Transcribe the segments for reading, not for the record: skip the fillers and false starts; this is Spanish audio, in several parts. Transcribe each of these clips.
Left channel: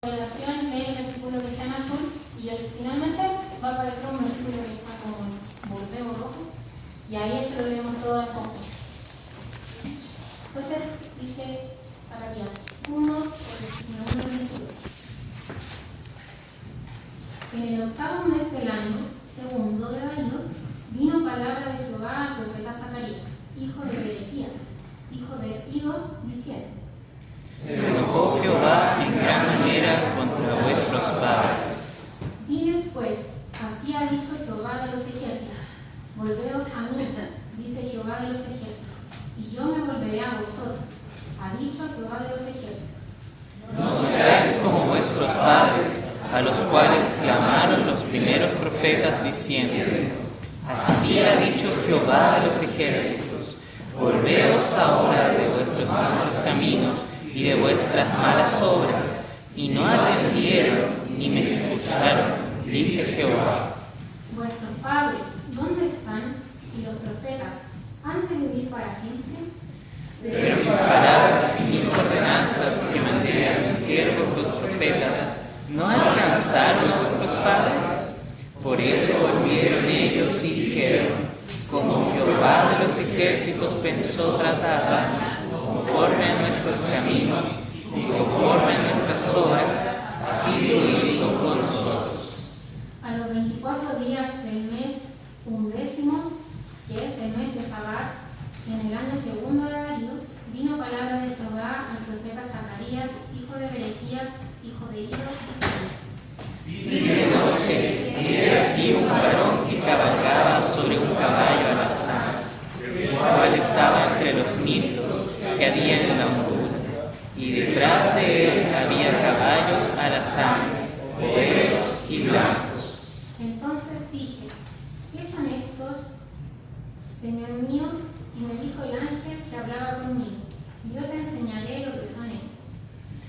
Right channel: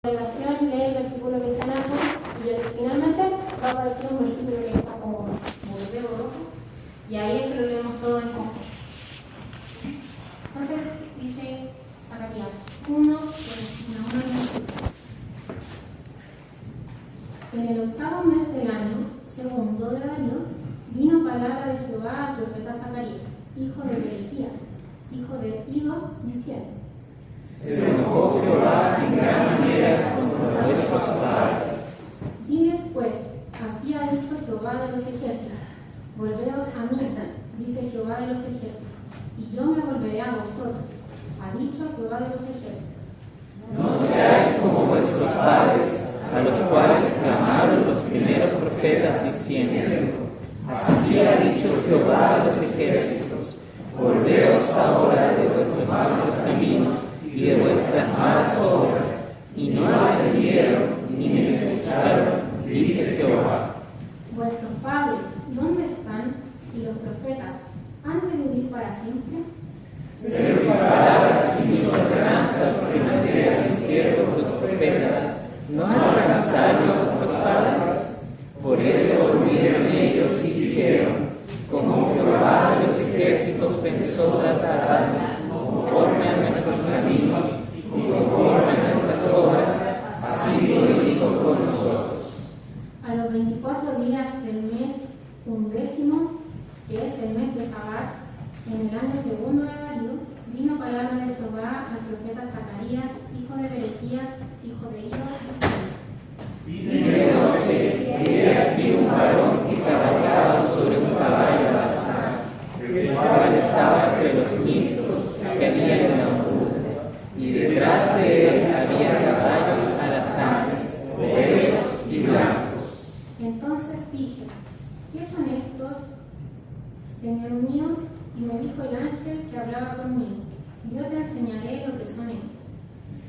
congregación lee el versículo que está en azul y finalmente va a aparecer un versículo que está como bordeo rojo y ahí se lo leemos todo en conjunto. Entonces dice Zacarías 1, versículo 1 al 2. En el octavo mes del año segundo de Darío vino palabra de Jehová al profeta Zacarías, hijo de Berequías, hijo de Ido, diciendo: Se enojó Jehová en gran manera contra vuestros padres. Diles pues, así ha dicho Jehová de los ejércitos: volveos a mí, dice Jehová de los ejércitos, y yo me volveré a vosotros, ha dicho Jehová de los ejércitos. No seáis como vuestros padres, a los cuales clamaron los primeros profetas diciendo: así ha dicho Jehová de los ejércitos, volveos ahora de vuestros malos caminos y de vuestras malas obras, y no atendieron ni me escucharon, dice Jehová. Vuestros padres, ¿dónde están? Y los profetas, ¿han de vivir para siempre? Pero mis palabras y mis ordenanzas que mandé a sus siervos los profetas, ¿no alcanzaron a vuestros padres? Por eso volvieron ellos y dijeron: como Jehová de los ejércitos pensó tratarnos, conforme a nuestros caminos y conforme a nuestras obras, así lo hizo con nosotros. A los 24 días del mes 11, que es el mes de Sabat, en el año segundo de Darío, vino palabra de Jehová al profeta Zacarías, hijo de Berequías, hijo de Ido, diciendo: Y de noche, y he aquí un varón que cabalgaba sobre un caballo alazán, el cual estaba entre los mirtos que había en la hondura, y detrás de él había caballos alazanes, negros y blancos. Entonces dije: ¿qué son estos, Señor mío? Y me dijo el ángel que hablaba conmigo: yo te enseñaré lo que son estos.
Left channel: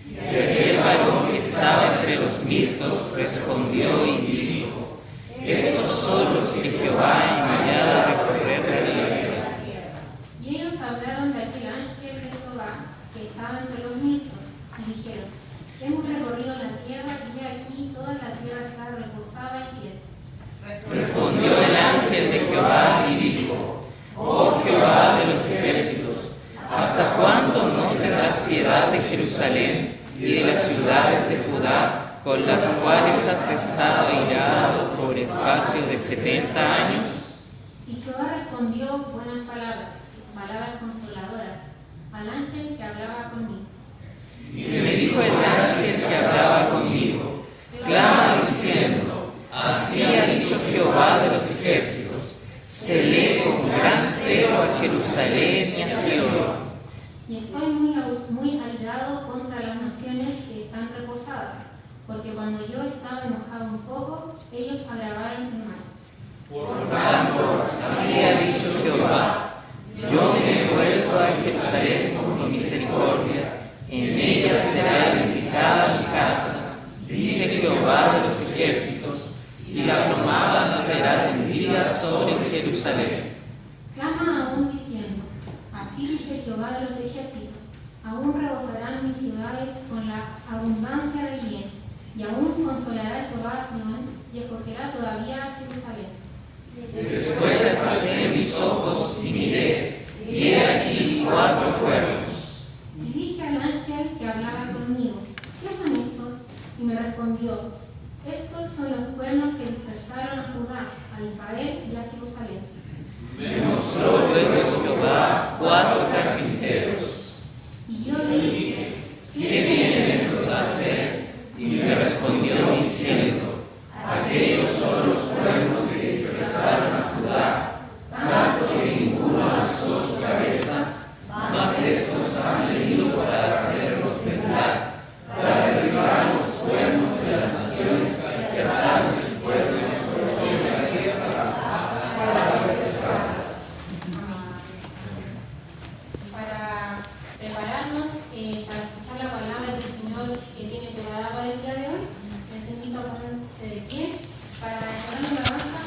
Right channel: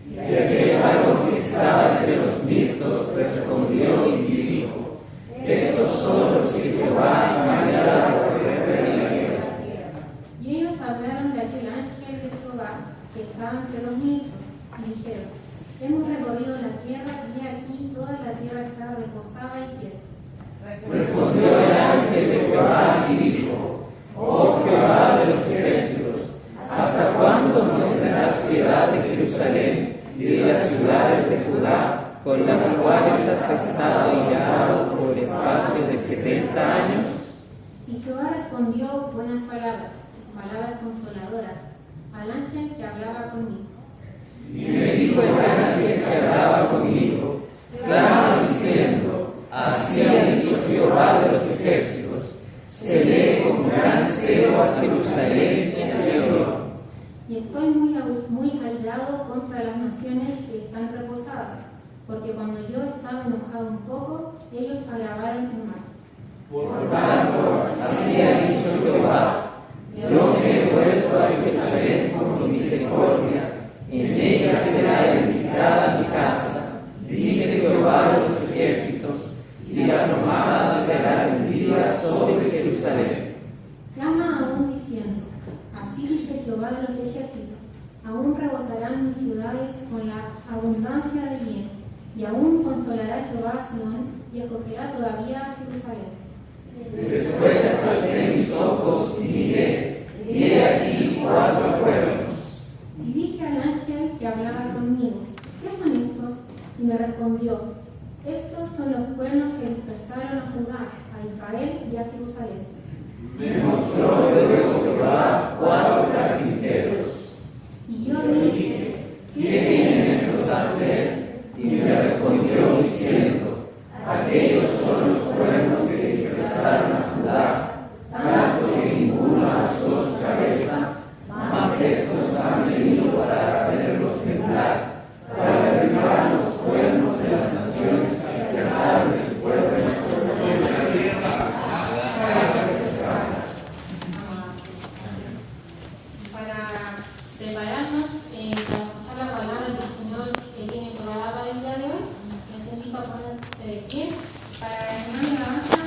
Y aquel varón que estaba entre los mirtos respondió y dijo: estos son los que Jehová ha enviado a recorrer la tierra. Y ellos hablaron de aquel ángel de Jehová que estaba entre los mirtos, y dijeron: hemos recorrido la tierra, y aquí toda la tierra está reposada y quieta. Respondió el ángel de Jehová y dijo: oh Jehová de los ejércitos, ¿hasta cuándo no tendrás piedad de Jerusalén y de las ciudades de Judá, con las cuales has estado airado por espacio de 70 años? Y Jehová respondió buenas palabras, palabras consoladoras, al ángel que hablaba conmigo. Y me dijo el ángel que hablaba conmigo: clama diciendo: así ha dicho Jehová de los ejércitos, celé con gran celo a Jerusalén y a Sion. Y estoy muy airado contra las naciones que están reposadas, porque cuando yo estaba enojado un poco, ellos agravaron el mal. Por tanto, así ha dicho Jehová: yo me he vuelto a Jerusalén con misericordia, en ella será edificada mi casa, dice Jehová de los ejércitos, y la plomada será tendida sobre Jerusalén. Claman aún diciendo: así dice Jehová de los ejércitos, aún rebosarán mis ciudades con la abundancia de bien, y aún consolará Jehová a Sion, y escogerá todavía a Jerusalén. Después alcé mis ojos y miré, y he aquí 4 cuernos. Y dije al ángel que hablaba conmigo: ¿qué son estos? Y me respondió: estos son los cuernos que dispersaron a Judá, a Israel y a Jerusalén. Me mostró luego Jehová 4 carpinteros. Y yo le dije: ¿Qué vienen estos a hacer? Y me respondió diciendo: aquellos son los cuernos que dispersaron a Judá, tanto que ninguno alzó su cabeza, mas estos han venido para hacerlos temblar, para derribar los cuernos de las naciones que alzaron el pueblo sobre la tierra, para regresar. Para prepararnos para escuchar la palabra que el Señor tiene preparada para el día de hoy, les invito a ponerse de pie para la alabanza.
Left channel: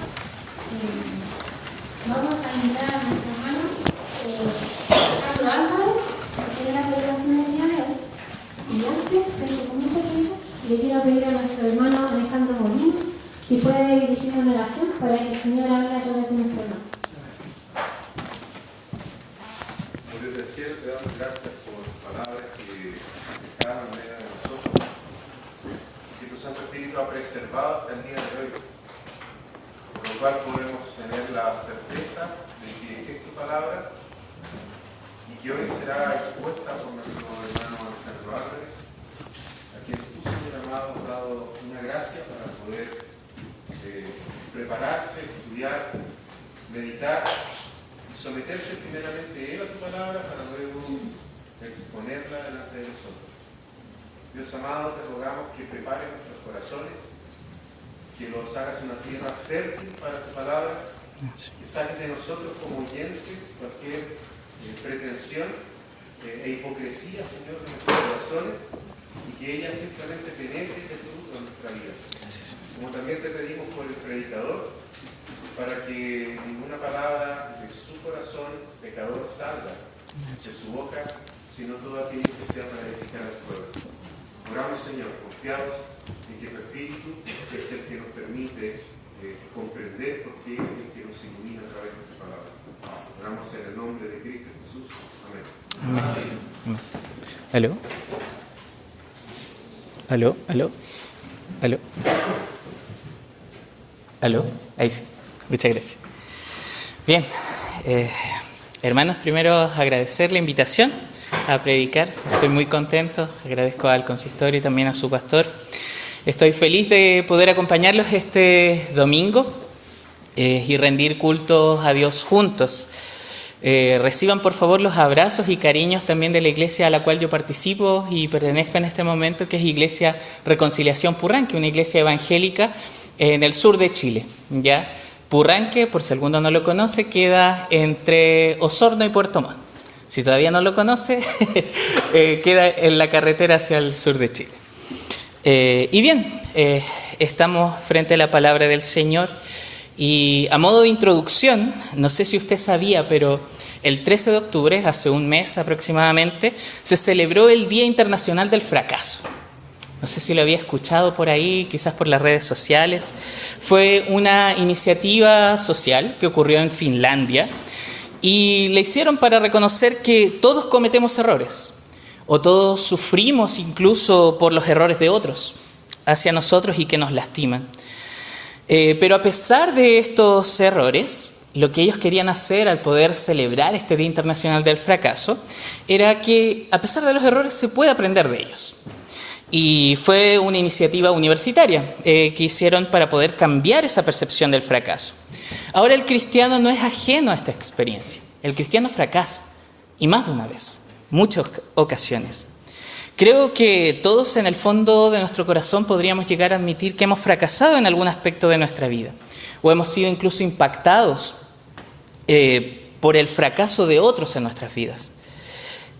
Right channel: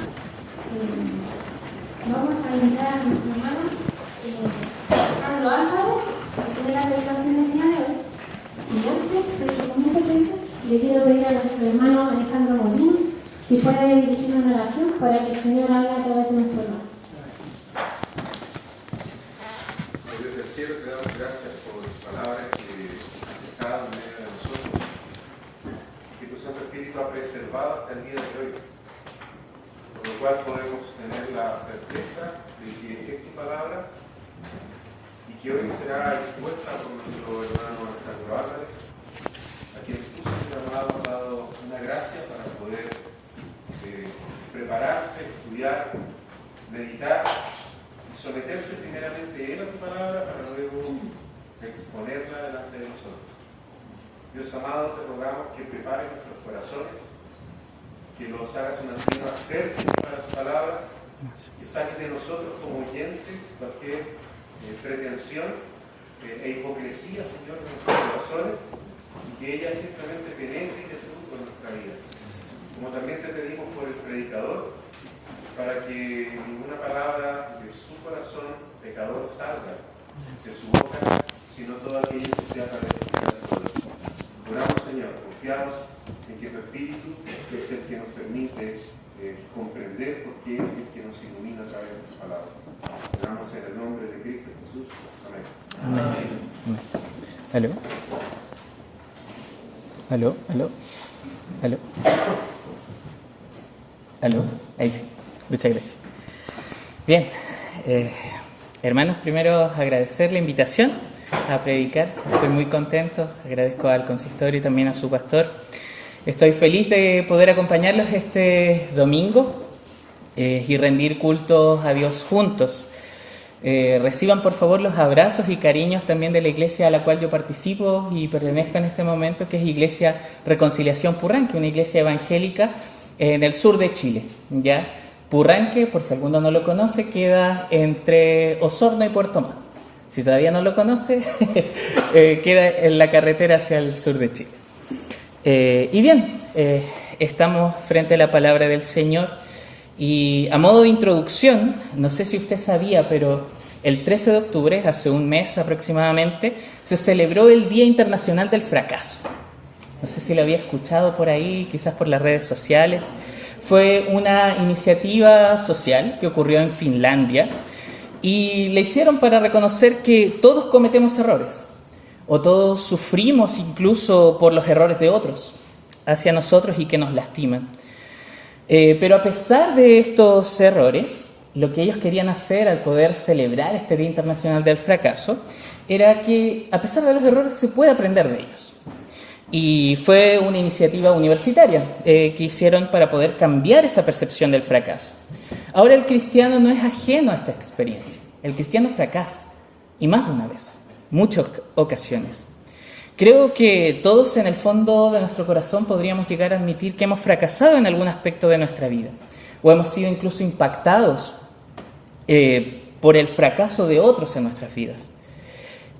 Vamos a invitar a nuestro hermano Carlos Álvarez, que es la predicación del día de hoy. Y antes de que comience, le le quiero pedir a nuestro hermano Alejandro Molín si puede dirigir una oración para que el Señor hable a través de nuestro hermano. Desde el cielo te damos gracias por palabras que están en medio de nosotros, que tu Santo Espíritu ha preservado hasta el día de hoy, por lo cual podemos tener la certeza de que es tu palabra y que hoy será expuesta por nuestro hermano Alejandro Álvarez, a quien tú, Señor amado, has dado una gracia para poder prepararse, estudiar, meditar y someterse primeramente él a tu palabra para luego exponerla delante de nosotros. Dios amado, te rogamos que prepares nuestros corazones, que los hagas una tierra fértil para tu palabra, que saques de nosotros como oyentes cualquier pretensión e hipocresía, Señor, de nuestros corazones, y que ella simplemente penetre y dé fruto en nuestra vida. Como también te pedimos por el predicador, para que ninguna palabra de su corazón pecador salga de su boca, sino todo aquello que sea para edificar el pueblo. Oramos, Señor, confiados en que tu Espíritu es el que nos permite comprender por qué es el que nos ilumina a través de tu palabra. Oramos en el nombre de Cristo Jesús. Amén. Amén. ¿Aló? ¿Aló? ¿Aló? ¿Aló? ¿Aló? Ahí sí. Muchas gracias. Bien, hermanos, primero agradecer la invitación a predicar. Estoy muy contento. Agradezco al consistorio y también a su pastor. Estoy feliz de poder acompañarlos este domingo y rendir cultos a Dios juntos. Reciban por favor los abrazos y cariños también de la iglesia a la cual yo participo y pertenezco en este momento, que es Iglesia Reconciliación Purranque, una iglesia evangélica en el sur de Chile, ¿ya? Purranque, por si alguno no lo conoce, queda entre Osorno y Puerto Montt. Si todavía no lo conoce, queda en la carretera hacia el sur de Chile. Y bien, estamos frente a la palabra del Señor. Y a modo de introducción, no sé si usted sabía, pero el 13 de octubre, hace un mes aproximadamente, se celebró el Día Internacional del Fracaso. No sé si lo había escuchado por ahí, quizás por las redes sociales. Fue una iniciativa social que ocurrió en Finlandia y la hicieron para reconocer que todos cometemos errores o todos sufrimos incluso por los errores de otros hacia nosotros y que nos lastiman. Pero a pesar de estos errores, lo que ellos querían hacer al poder celebrar este Día Internacional del Fracaso era que a pesar de los errores se puede aprender de ellos. Y fue una iniciativa universitaria que hicieron para poder cambiar esa percepción del fracaso. Ahora el cristiano no es ajeno a esta experiencia. El cristiano fracasa, y más de una vez, muchas ocasiones. Creo que todos en el fondo de nuestro corazón podríamos llegar a admitir que hemos fracasado en algún aspecto de nuestra vida, o hemos sido incluso impactados por el fracaso de otros en nuestras vidas.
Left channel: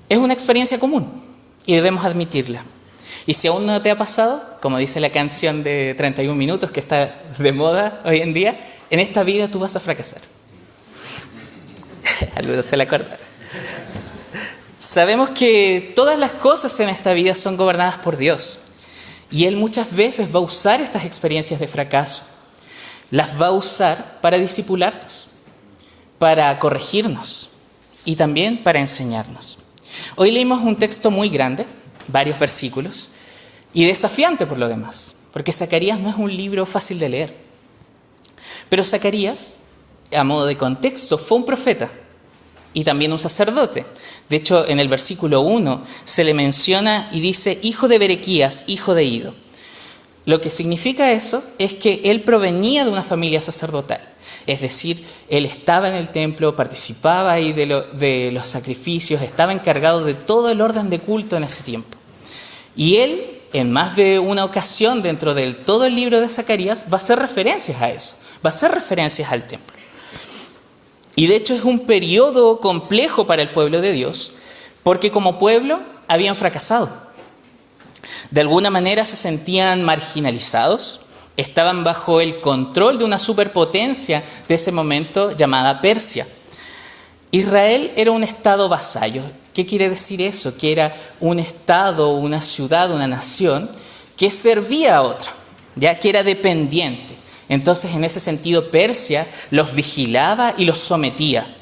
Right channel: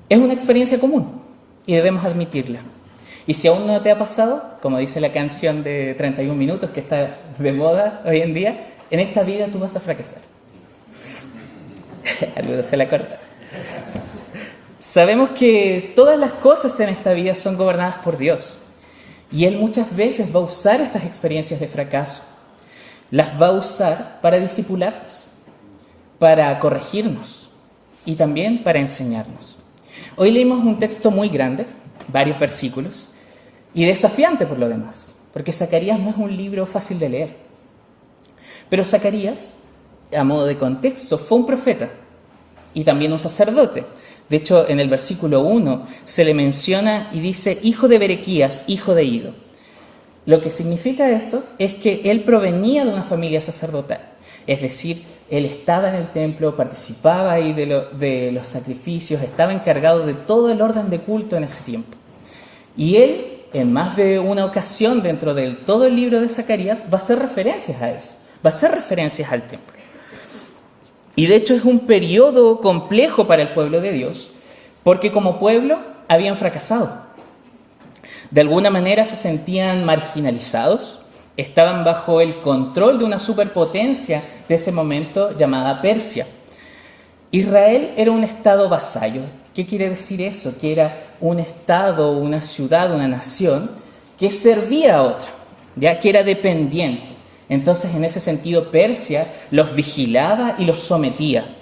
Es una experiencia común y debemos admitirla. Y si aún no te ha pasado, como dice la canción de 31 minutos que está de moda hoy en día, en esta vida tú vas a fracasar. Algunos se la cortan. Sabemos que todas las cosas en esta vida son gobernadas por Dios. Y Él muchas veces va a usar estas experiencias de fracaso. Las va a usar para discipularnos, para corregirnos y también para enseñarnos. Hoy leímos un texto muy grande, varios versículos, y desafiante por lo demás, porque Zacarías no es un libro fácil de leer. Pero Zacarías, a modo de contexto, fue un profeta y también un sacerdote. De hecho, en el versículo 1 se le menciona y dice, hijo de Berequías, hijo de Ido. Lo que significa eso es que él provenía de una familia sacerdotal. Es decir, él estaba en el templo, participaba ahí de los sacrificios, estaba encargado de todo el orden de culto en ese tiempo. Y él, en más de una ocasión dentro de todo el libro de Zacarías, va a hacer referencias a eso, va a hacer referencias al templo. Y de hecho es un periodo complejo para el pueblo de Dios, porque como pueblo habían fracasado. De alguna manera se sentían marginalizados, estaban bajo el control de una superpotencia de ese momento llamada Persia. Israel era un estado vasallo. ¿Qué quiere decir eso? Que era un estado, una ciudad, una nación que servía a otra, ya que era dependiente. Entonces, en ese sentido, Persia los vigilaba y los sometía.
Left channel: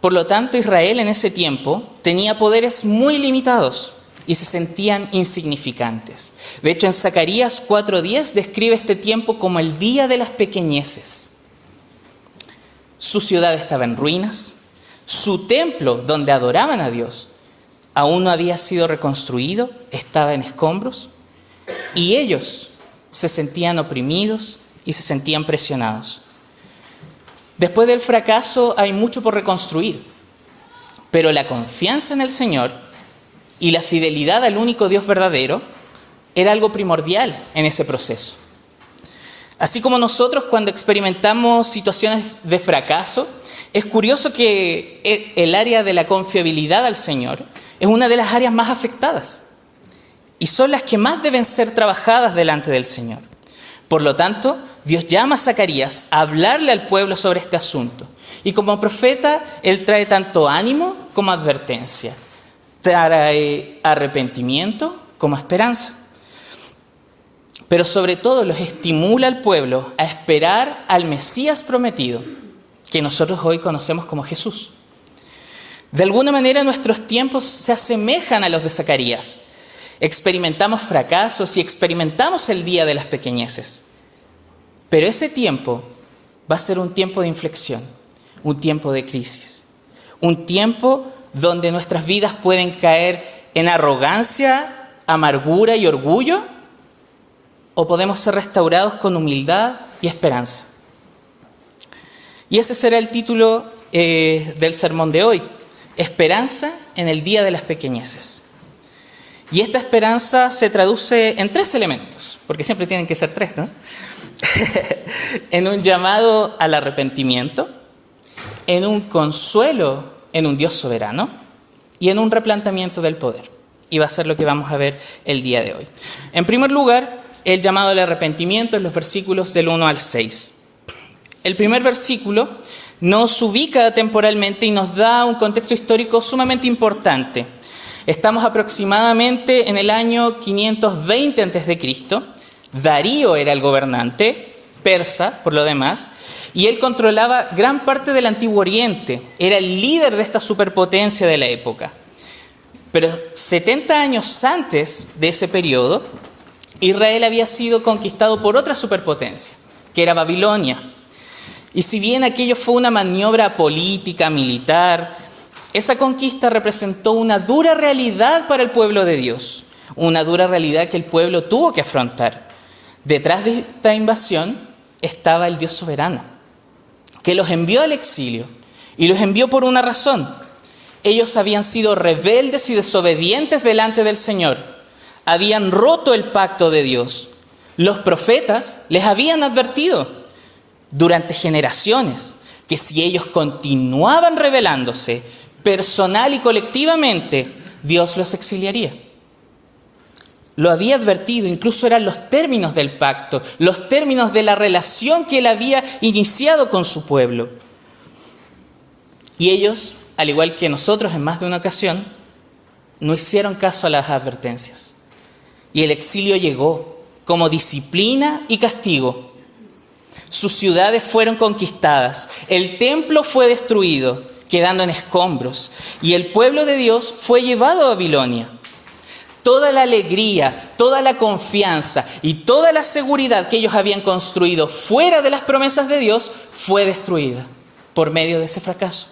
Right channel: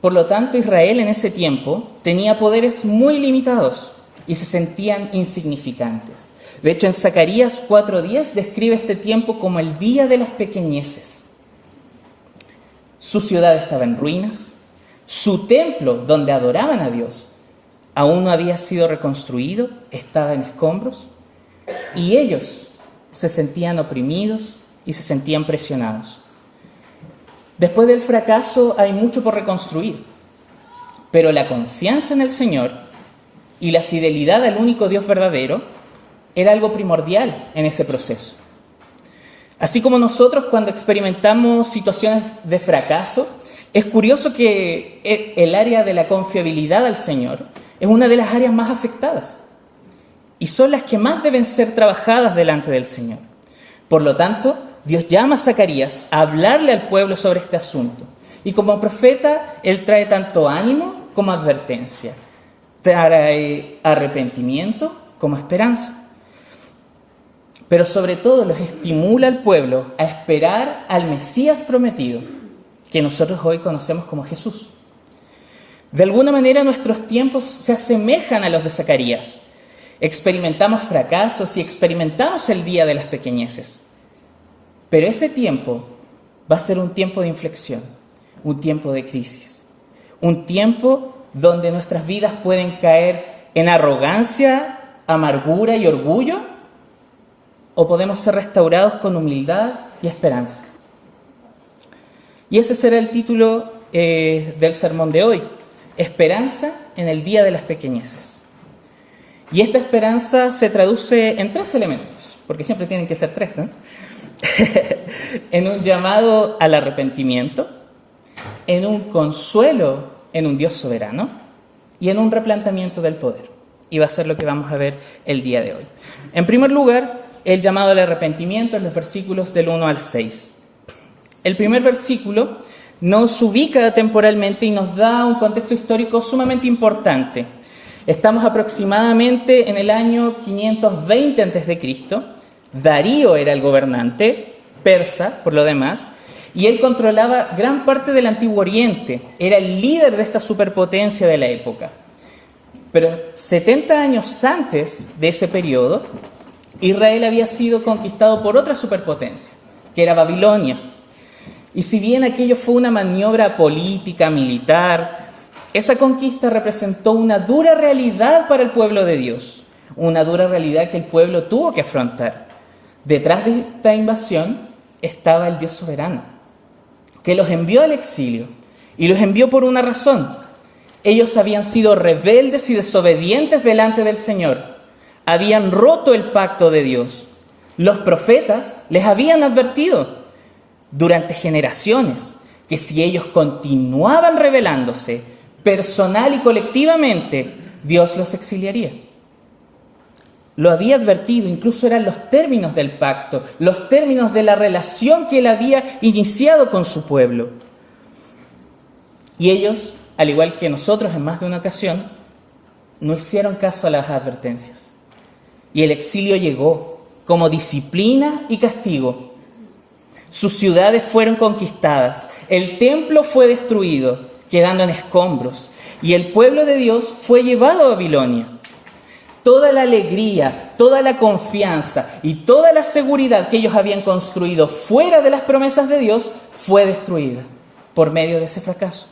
Por lo tanto, Israel en ese tiempo tenía poderes muy limitados y se sentían insignificantes. De hecho, en Zacarías 4:10 describe este tiempo como el día de las pequeñeces. Su ciudad estaba en ruinas, su templo donde adoraban a Dios aún no había sido reconstruido, estaba en escombros, y ellos se sentían oprimidos y se sentían presionados. Después del fracaso hay mucho por reconstruir, pero la confianza en el Señor y la fidelidad al único Dios verdadero era algo primordial en ese proceso. Así como nosotros cuando experimentamos situaciones de fracaso, es curioso que el área de la confiabilidad al Señor es una de las áreas más afectadas y son las que más deben ser trabajadas delante del Señor. Por lo tanto, Dios llama a Zacarías a hablarle al pueblo sobre este asunto. Y como profeta, él trae tanto ánimo como advertencia. Trae arrepentimiento como esperanza. Pero sobre todo los estimula al pueblo a esperar al Mesías prometido, que nosotros hoy conocemos como Jesús. De alguna manera nuestros tiempos se asemejan a los de Zacarías. Experimentamos fracasos y experimentamos el día de las pequeñeces. Pero ese tiempo va a ser un tiempo de inflexión, un tiempo de crisis, un tiempo donde nuestras vidas pueden caer en arrogancia, amargura y orgullo, o podemos ser restaurados con humildad y esperanza. Y ese será el título del sermón de hoy: Esperanza en el día de las pequeñeces. Y esta esperanza se traduce en 3 elementos, porque siempre tienen que ser 3, ¿no? En un llamado al arrepentimiento, en un consuelo en un Dios soberano y en un replanteamiento del poder. Y va a ser lo que vamos a ver el día de hoy. En primer lugar, el llamado al arrepentimiento en los versículos del 1 al 6. El primer versículo nos ubica temporalmente y nos da un contexto histórico sumamente importante. Estamos aproximadamente en el año 520 a.C. Darío era el gobernante, persa por lo demás, y él controlaba gran parte del Antiguo Oriente. Era el líder de esta superpotencia de la época. Pero 70 años antes de ese periodo, Israel había sido conquistado por otra superpotencia, que era Babilonia. Y si bien aquello fue una maniobra política, militar, esa conquista representó una dura realidad para el pueblo de Dios, una dura realidad que el pueblo tuvo que afrontar. Detrás de esta invasión estaba el Dios soberano, que los envió al exilio, y los envió por una razón. Ellos habían sido rebeldes y desobedientes delante del Señor, habían roto el pacto de Dios. Los profetas les habían advertido durante generaciones que si ellos continuaban rebelándose personal y colectivamente, Dios los exiliaría. Lo había advertido, incluso eran los términos del pacto, los términos de la relación que él había iniciado con su pueblo. Y ellos, al igual que nosotros en más de una ocasión, no hicieron caso a las advertencias. Y el exilio llegó como disciplina y castigo. Sus ciudades fueron conquistadas, el templo fue destruido, quedando en escombros, y el pueblo de Dios fue llevado a Babilonia. Toda la alegría, toda la confianza y toda la seguridad que ellos habían construido fuera de las promesas de Dios fue destruida por medio de ese fracaso.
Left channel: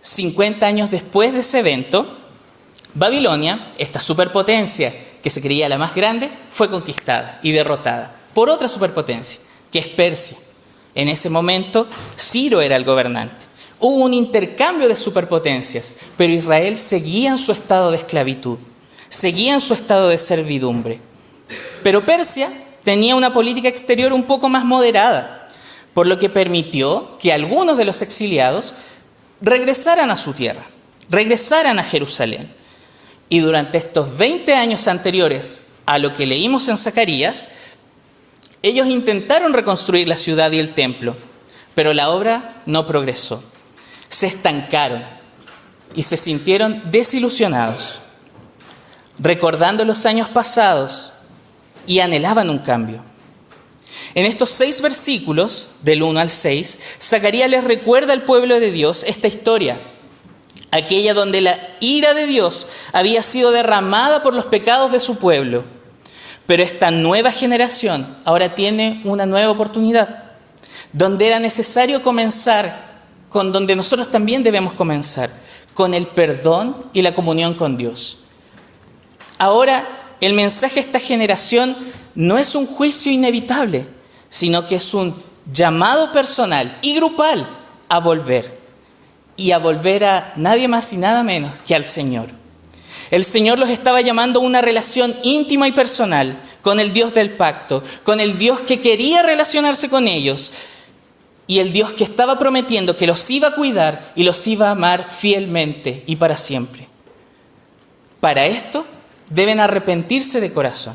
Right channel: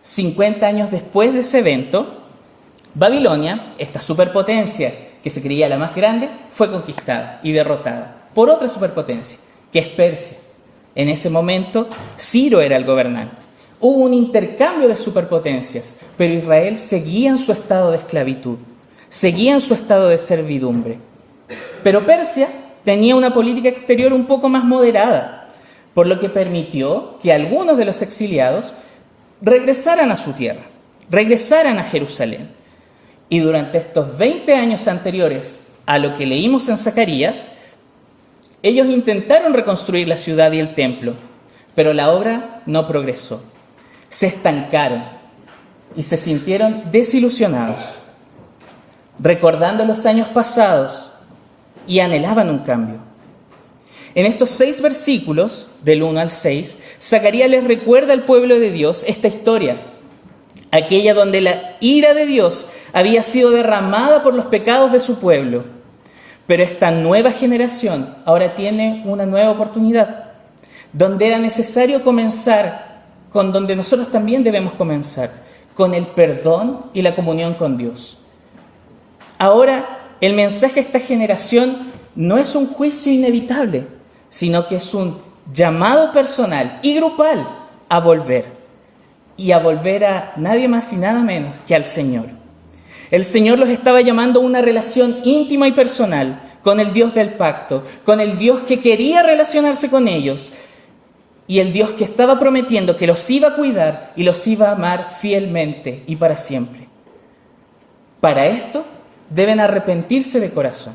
50 años después de ese evento, Babilonia, esta superpotencia que se creía la más grande, fue conquistada y derrotada por otra superpotencia, que es Persia. En ese momento, Ciro era el gobernante. Hubo un intercambio de superpotencias, pero Israel seguía en su estado de esclavitud, seguía en su estado de servidumbre. Pero Persia tenía una política exterior un poco más moderada, por lo que permitió que algunos de los exiliados regresaran a su tierra, regresaran a Jerusalén. Y durante estos 20 años anteriores a lo que leímos en Zacarías, ellos intentaron reconstruir la ciudad y el templo, pero la obra no progresó. Se estancaron y se sintieron desilusionados. recordando los años pasados y anhelaban un cambio. En estos 6 versículos, del 1 al 6, Zacarías les recuerda al pueblo de Dios esta historia, aquella donde la ira de Dios había sido derramada por los pecados de su pueblo. Pero esta nueva generación ahora tiene una nueva oportunidad, donde era necesario comenzar con donde nosotros también debemos comenzar, con el perdón y la comunión con Dios. Ahora, el mensaje a esta generación no es un juicio inevitable, sino que es un llamado personal y grupal a volver. Y a volver a nadie más y nada menos que al Señor. El Señor los estaba llamando a una relación íntima y personal con el Dios del pacto, con el Dios que quería relacionarse con ellos y el Dios que estaba prometiendo que los iba a cuidar y los iba a amar fielmente y para siempre. Para esto deben arrepentirse de corazón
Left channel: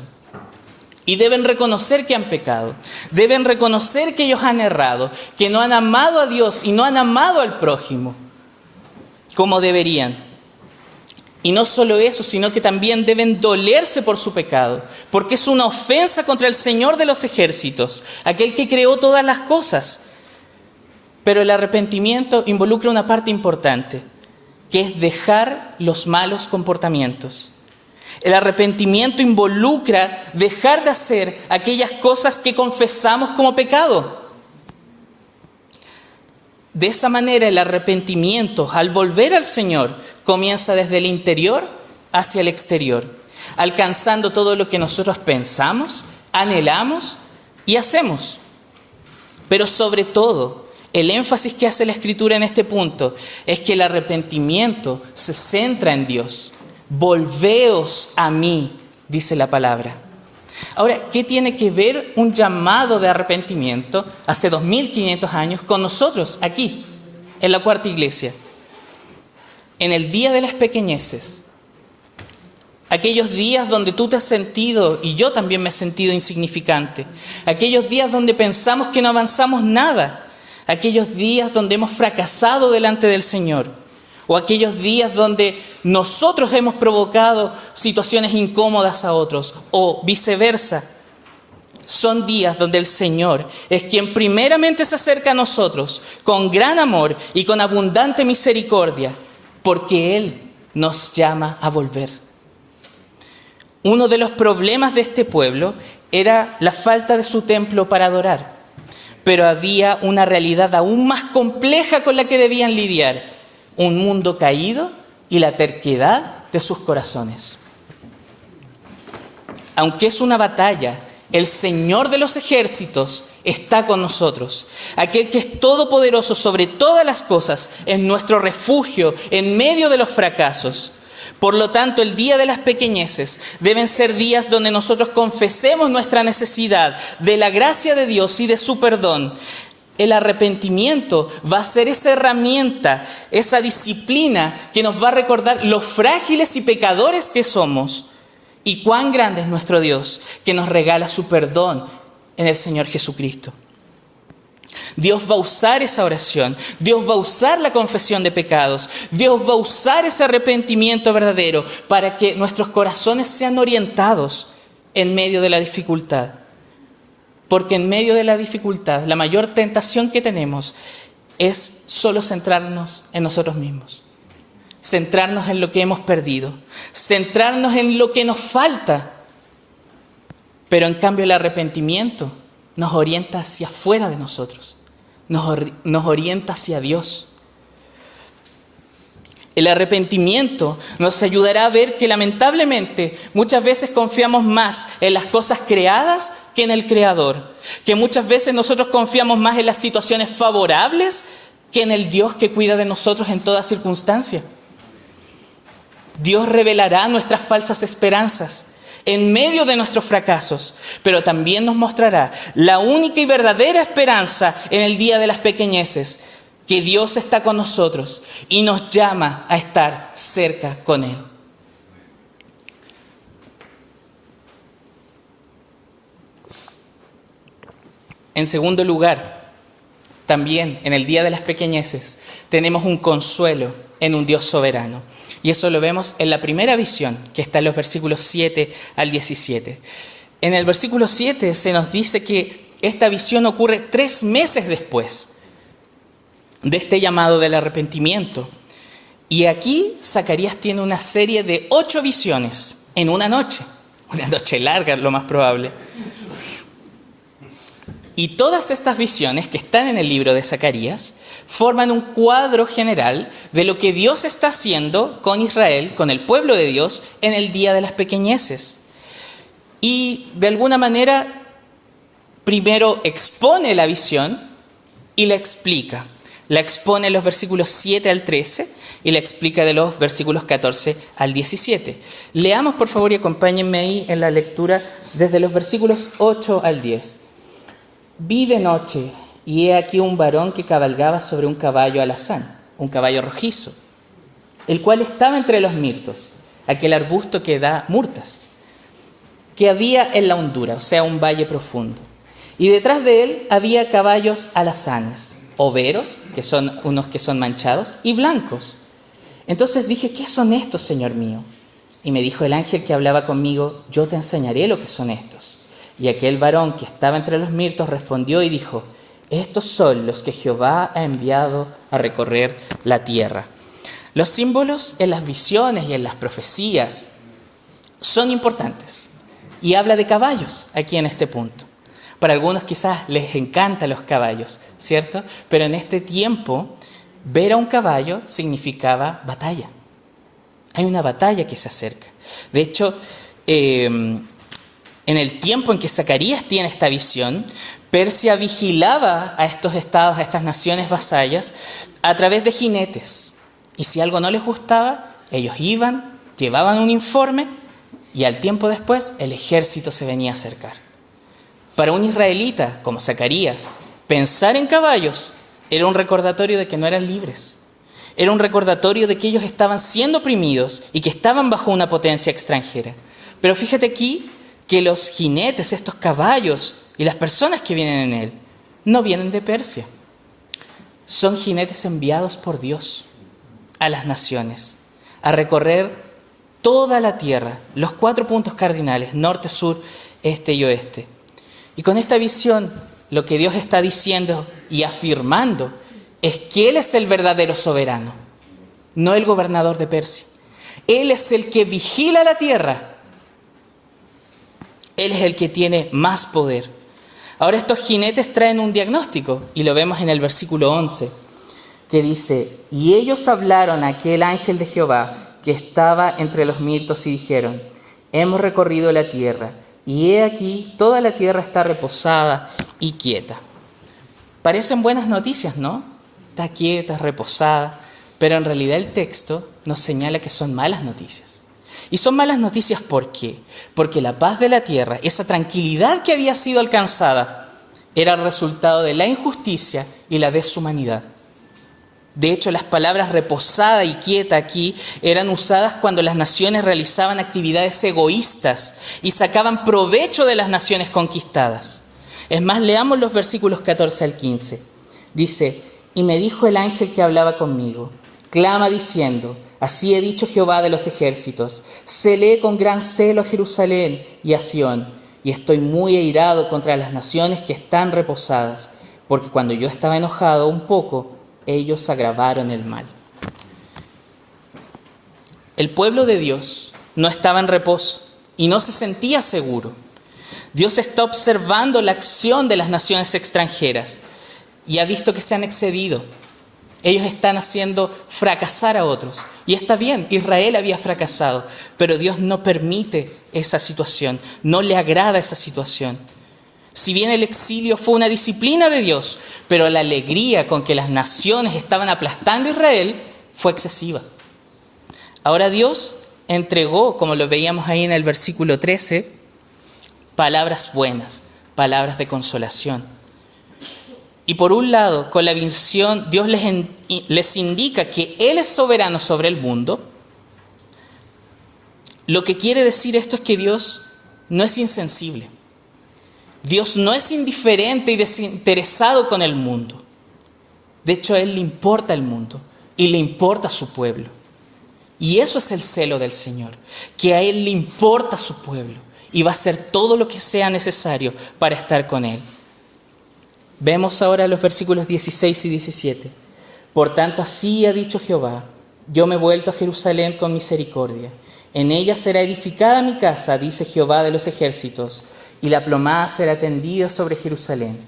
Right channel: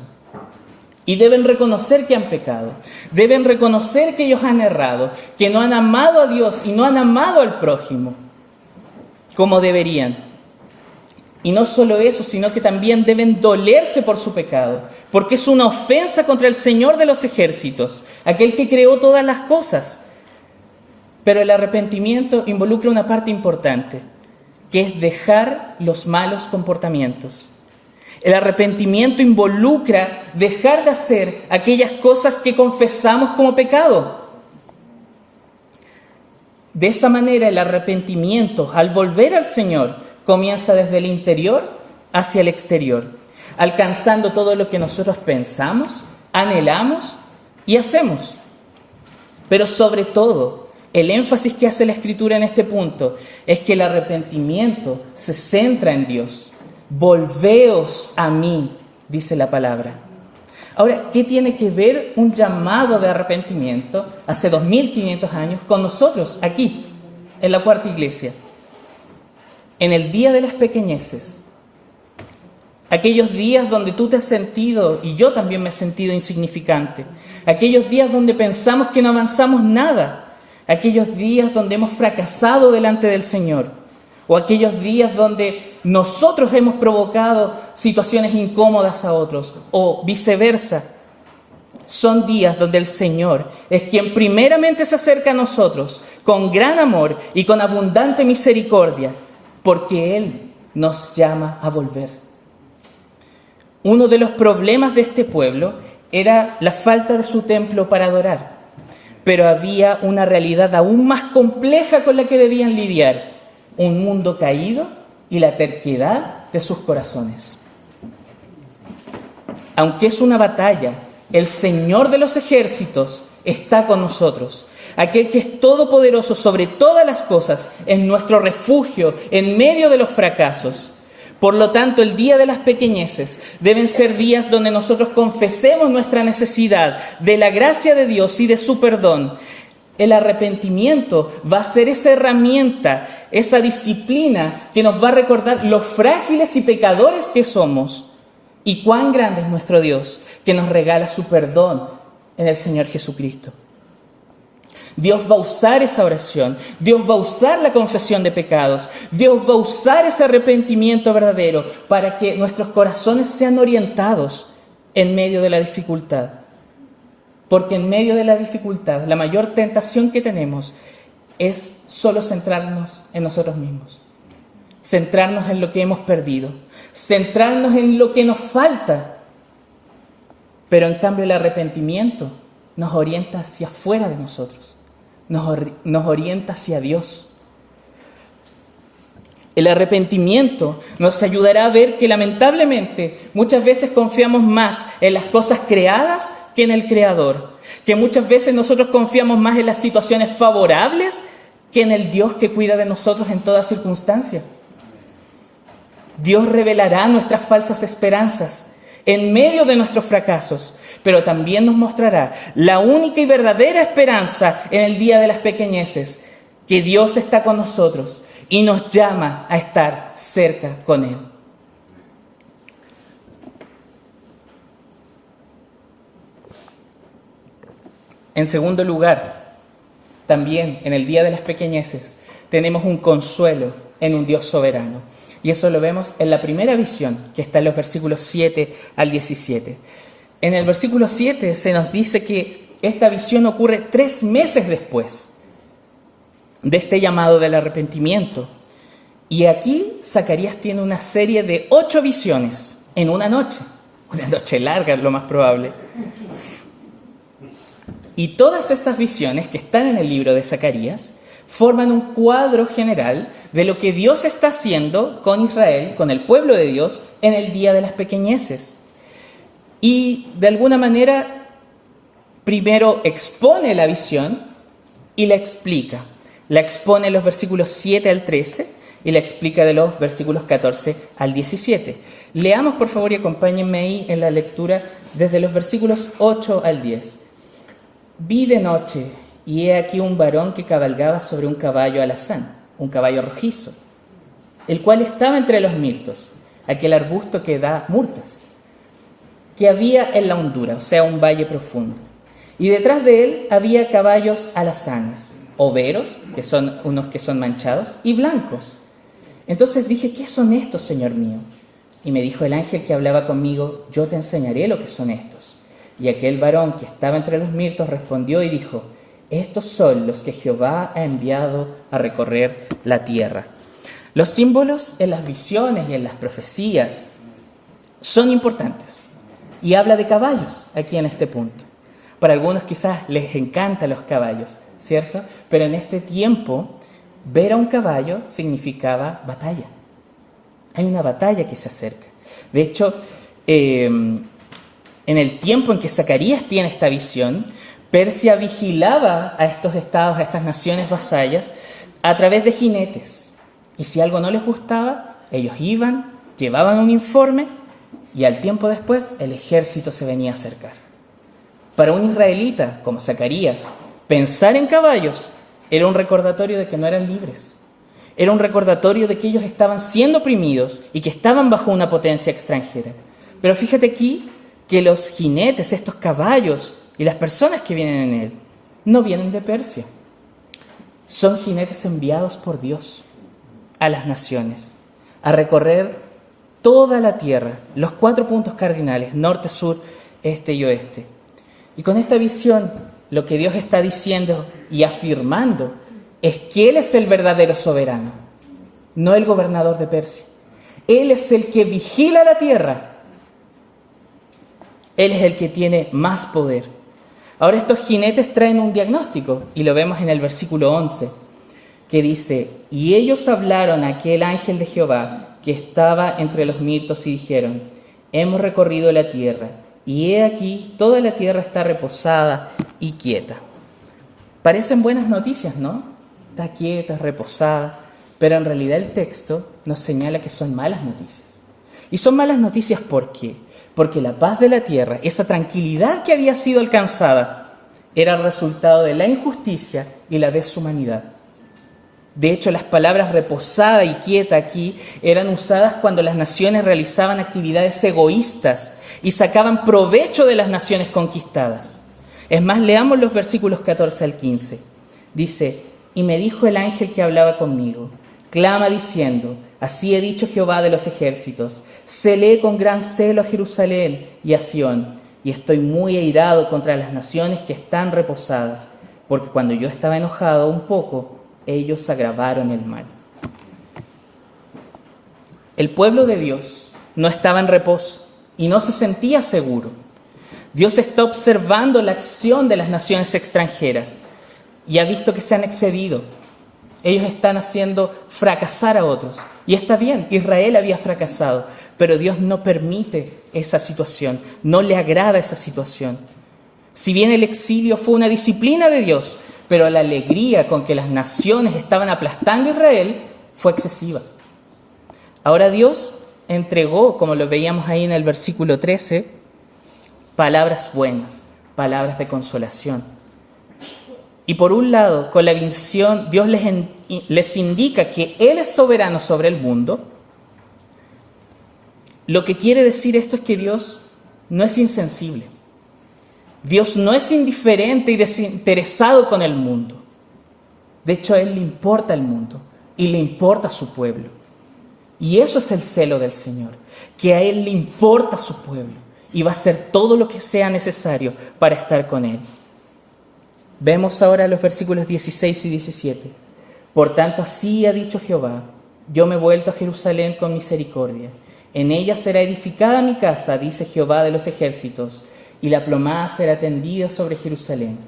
y deben reconocer que han pecado, deben reconocer que ellos han errado, que no han amado a Dios y no han amado al prójimo como deberían. Y no solo eso, sino que también deben dolerse por su pecado, porque es una ofensa contra el Señor de los ejércitos, aquel que creó todas las cosas. Pero el arrepentimiento involucra una parte importante, que es dejar los malos comportamientos. El arrepentimiento involucra dejar de hacer aquellas cosas que confesamos como pecado. De esa manera, el arrepentimiento, al volver al Señor, comienza desde el interior hacia el exterior, alcanzando todo lo que nosotros pensamos, anhelamos y hacemos. Pero sobre todo, el énfasis que hace la Escritura en este punto es que el arrepentimiento se centra en Dios. Volveos a mí, dice la palabra. Ahora, ¿qué tiene que ver un llamado de arrepentimiento hace 2500 años con nosotros aquí, en la Cuarta Iglesia? En el día de las pequeñeces, aquellos días donde tú te has sentido, y yo también me he sentido insignificante, aquellos días donde pensamos que no avanzamos nada, aquellos días donde hemos fracasado delante del Señor, o aquellos días donde nosotros hemos provocado situaciones incómodas a otros, o viceversa. Son días donde el Señor es quien primeramente se acerca a nosotros con gran amor y con abundante misericordia, porque Él nos llama a volver. Uno de los problemas de este pueblo era la falta de su templo para adorar, pero había una realidad aún más compleja con la que debían lidiar: un mundo caído y la terquedad de sus corazones. Aunque es una batalla, el Señor de los ejércitos está con nosotros. Aquel que es todopoderoso sobre todas las cosas es nuestro refugio en medio de los fracasos. Por lo tanto, el día de las pequeñeces deben ser días donde nosotros confesemos nuestra necesidad de la gracia de Dios y de su perdón. El arrepentimiento va a ser esa herramienta, esa disciplina que nos va a recordar lo frágiles y pecadores que somos y cuán grande es nuestro Dios, que nos regala su perdón en el Señor Jesucristo. Dios va a usar esa oración, Dios va a usar la confesión de pecados, Dios va a usar ese arrepentimiento verdadero para que nuestros corazones sean orientados en medio de la dificultad. Porque en medio de la dificultad, la mayor tentación que tenemos es solo centrarnos en nosotros mismos. Centrarnos en lo que hemos perdido. Centrarnos en lo que nos falta. Pero en cambio el arrepentimiento nos orienta hacia afuera de nosotros. Nos orienta hacia Dios. El arrepentimiento nos ayudará a ver que lamentablemente muchas veces confiamos más en las cosas creadas que en el Creador. Que muchas veces nosotros confiamos más en las situaciones favorables que en el Dios que cuida de nosotros en toda circunstancia. Dios revelará nuestras falsas esperanzas en medio de nuestros fracasos, pero también nos mostrará la única y verdadera esperanza en el día de las pequeñeces, que Dios está con nosotros y nos llama a estar cerca con Él. En segundo lugar, también en el día de las pequeñeces tenemos un consuelo en un Dios soberano. Y eso lo vemos en la primera visión, que está en los versículos 7 al 17. En el versículo 7 se nos dice que esta visión ocurre 3 meses después de este llamado del arrepentimiento. Y aquí Zacarías tiene una serie de 8 visiones en una noche larga, lo más probable. Y todas estas visiones que están en el libro de Zacarías forman un cuadro general de lo que Dios está haciendo con Israel, con el pueblo de Dios, en el día de las pequeñeces. Y de alguna manera, primero expone la visión y la explica. La expone en los versículos 7 al 13 y la explica de los versículos 14 al 17. Leamos, por favor, y acompáñenme ahí en la lectura desde los versículos 8 al 10. Vi de noche, y he aquí un varón que cabalgaba sobre un caballo alazán, un caballo rojizo, el cual estaba entre los mirtos, aquel arbusto que da murtas, que había en la hondura, o sea, un valle profundo. Y detrás de él había caballos alazanes, overos, que son unos que son manchados, y blancos. Entonces dije, ¿qué son estos, Señor mío? Y me dijo el ángel que hablaba conmigo, yo te enseñaré lo que son estos. Y aquel varón que estaba entre los mirtos respondió y dijo, estos son los que Jehová ha enviado a recorrer la tierra. Los símbolos en las visiones y en las profecías son importantes. Y habla de caballos aquí en este punto. Para algunos quizás les encantan los caballos, ¿cierto? Pero en este tiempo, ver a un caballo significaba batalla. Hay una batalla que se acerca. De hecho, en el tiempo en que Zacarías tiene esta visión, Persia vigilaba a estos estados, a estas naciones vasallas, a través de jinetes. Y si algo no les gustaba, ellos iban, llevaban un informe y al tiempo después el ejército se venía a acercar. Para un israelita como Zacarías, pensar en caballos era un recordatorio de que no eran libres. Era un recordatorio de que ellos estaban siendo oprimidos y que estaban bajo una potencia extranjera. Pero fíjate aquí que los jinetes, estos caballos y las personas que vienen en él, no vienen de Persia. Son jinetes enviados por Dios a las naciones, a recorrer toda la tierra, los 4 puntos cardinales, norte, sur, este y oeste. Y con esta visión, lo que Dios está diciendo y afirmando es que Él es el verdadero soberano, no el gobernador de Persia. Él es el que vigila la tierra. Él es el que tiene más poder. Ahora estos jinetes traen un diagnóstico y lo vemos en el versículo 11, que dice, y ellos hablaron a aquel ángel de Jehová que estaba entre los mirtos y dijeron, hemos recorrido la tierra y he aquí toda la tierra está reposada y quieta. Parecen buenas noticias, ¿no? Está quieta, reposada, pero en realidad el texto nos señala que son malas noticias. Y son malas noticias, ¿por qué? Porque la paz de la tierra, esa tranquilidad que había sido alcanzada, era el resultado de la injusticia y la deshumanidad. De hecho, las palabras reposada y quieta aquí eran usadas cuando las naciones realizaban actividades egoístas y sacaban provecho de las naciones conquistadas. Es más, leamos los versículos 14 al 15. Dice, y me dijo el ángel que hablaba conmigo, clama diciendo, así he dicho Jehová de los ejércitos, celé con gran celo a Jerusalén y a Sión, y estoy muy airado contra las naciones que están reposadas, porque cuando yo estaba enojado un poco, ellos agravaron el mal. El pueblo de Dios no estaba en reposo y no se sentía seguro. Dios está observando la acción de las naciones extranjeras y ha visto que se han excedido. Ellos están haciendo fracasar a otros. Y está bien, Israel había fracasado, pero Dios no permite esa situación, no le agrada esa situación. Si bien el exilio fue una disciplina de Dios, pero la alegría con que las naciones estaban aplastando a Israel fue excesiva. Ahora Dios entregó, como lo veíamos ahí en el versículo 13, palabras buenas, palabras de consolación. Y por un lado, con la visión, Dios les indica que Él es soberano sobre el mundo. Lo que quiere decir esto es que Dios no es insensible. Dios no es indiferente y desinteresado con el mundo. De hecho, a Él le importa el mundo y le importa su pueblo. Y eso es el celo del Señor, que a Él le importa su pueblo y va a hacer todo lo que sea necesario para estar con Él. Vemos ahora los versículos 16 y 17. Por tanto, así ha dicho Jehová: yo me he vuelto a Jerusalén con misericordia. En ella será edificada mi casa, dice Jehová de los ejércitos, y la plomada será tendida sobre Jerusalén.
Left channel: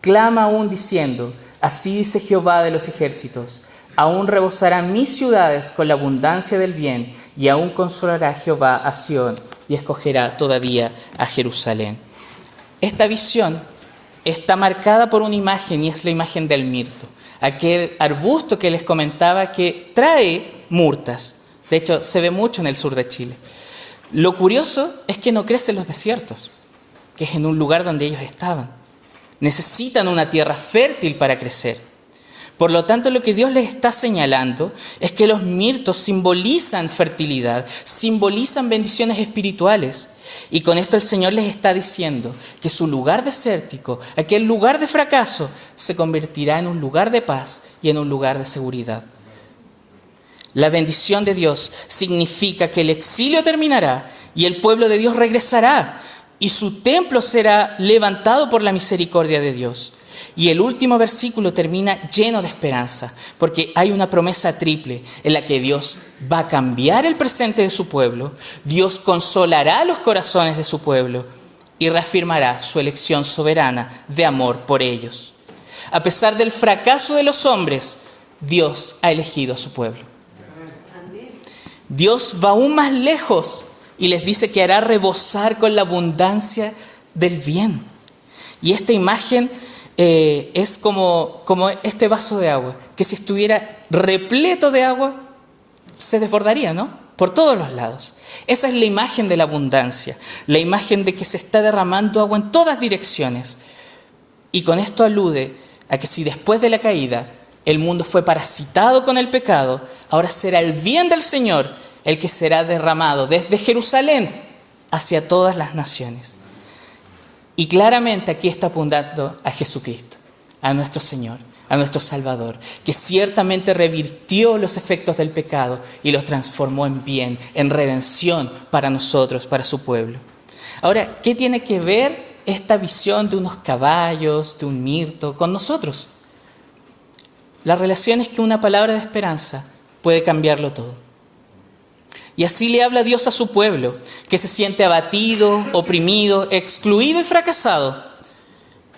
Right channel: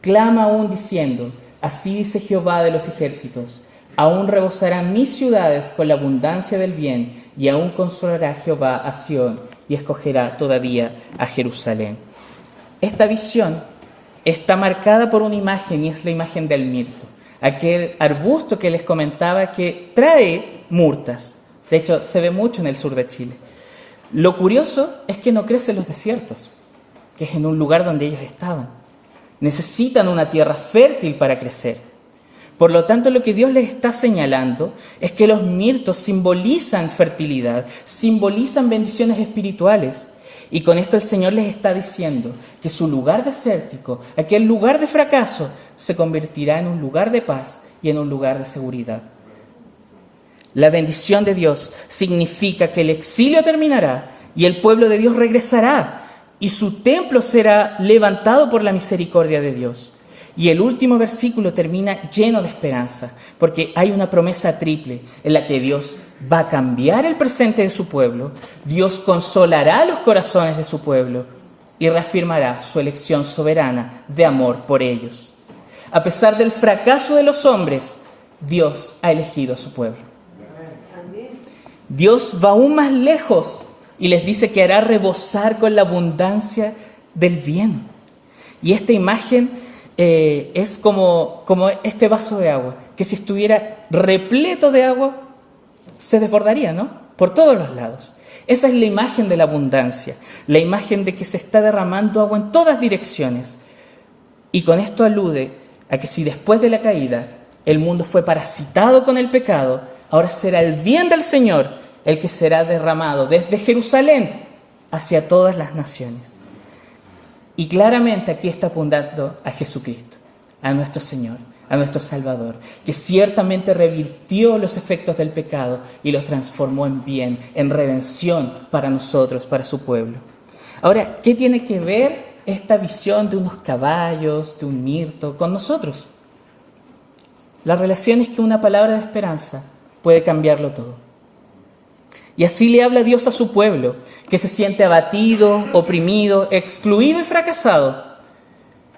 Clama aún diciendo: así dice Jehová de los ejércitos: aún rebosarán mis ciudades con la abundancia del bien, y aún consolará Jehová a Sión, y escogerá todavía a Jerusalén. Esta visión está marcada por una imagen, y es la imagen del mirto, aquel arbusto que les comentaba que trae murtas. De hecho, se ve mucho en el sur de Chile. Lo curioso es que no crece en los desiertos, que es en un lugar donde ellos estaban. Necesitan una tierra fértil para crecer. Por lo tanto, lo que Dios les está señalando es que los mirtos simbolizan fertilidad, simbolizan bendiciones espirituales. Y con esto el Señor les está diciendo que su lugar desértico, aquel lugar de fracaso, se convertirá en un lugar de paz y en un lugar de seguridad. La bendición de Dios significa que el exilio terminará y el pueblo de Dios regresará y su templo será levantado por la misericordia de Dios. Y el último versículo termina lleno de esperanza, porque hay una promesa triple en la que Dios va a cambiar el presente de su pueblo, Dios consolará los corazones de su pueblo y reafirmará su elección soberana de amor por ellos. A pesar del fracaso de los hombres, Dios ha elegido a su pueblo. Dios va aún más lejos y les dice que hará rebosar con la abundancia del bien. Y esta imagen es como este vaso de agua, que si estuviera repleto de agua, se desbordaría, ¿no? Por todos los lados. Esa es la imagen de la abundancia, la imagen de que se está derramando agua en todas direcciones. Y con esto alude a que si después de la caída el mundo fue parasitado con el pecado, ahora será el bien del Señor el que será derramado desde Jerusalén hacia todas las naciones. Y claramente aquí está apuntando a Jesucristo, a nuestro Señor, a nuestro Salvador, que ciertamente revirtió los efectos del pecado y los transformó en bien, en redención para nosotros, para su pueblo. Ahora, ¿qué tiene que ver esta visión de unos caballos, de un mirto, con nosotros? La relación es que una palabra de esperanza puede cambiarlo todo. Y así le habla Dios a su pueblo, que se siente abatido, oprimido, excluido y fracasado.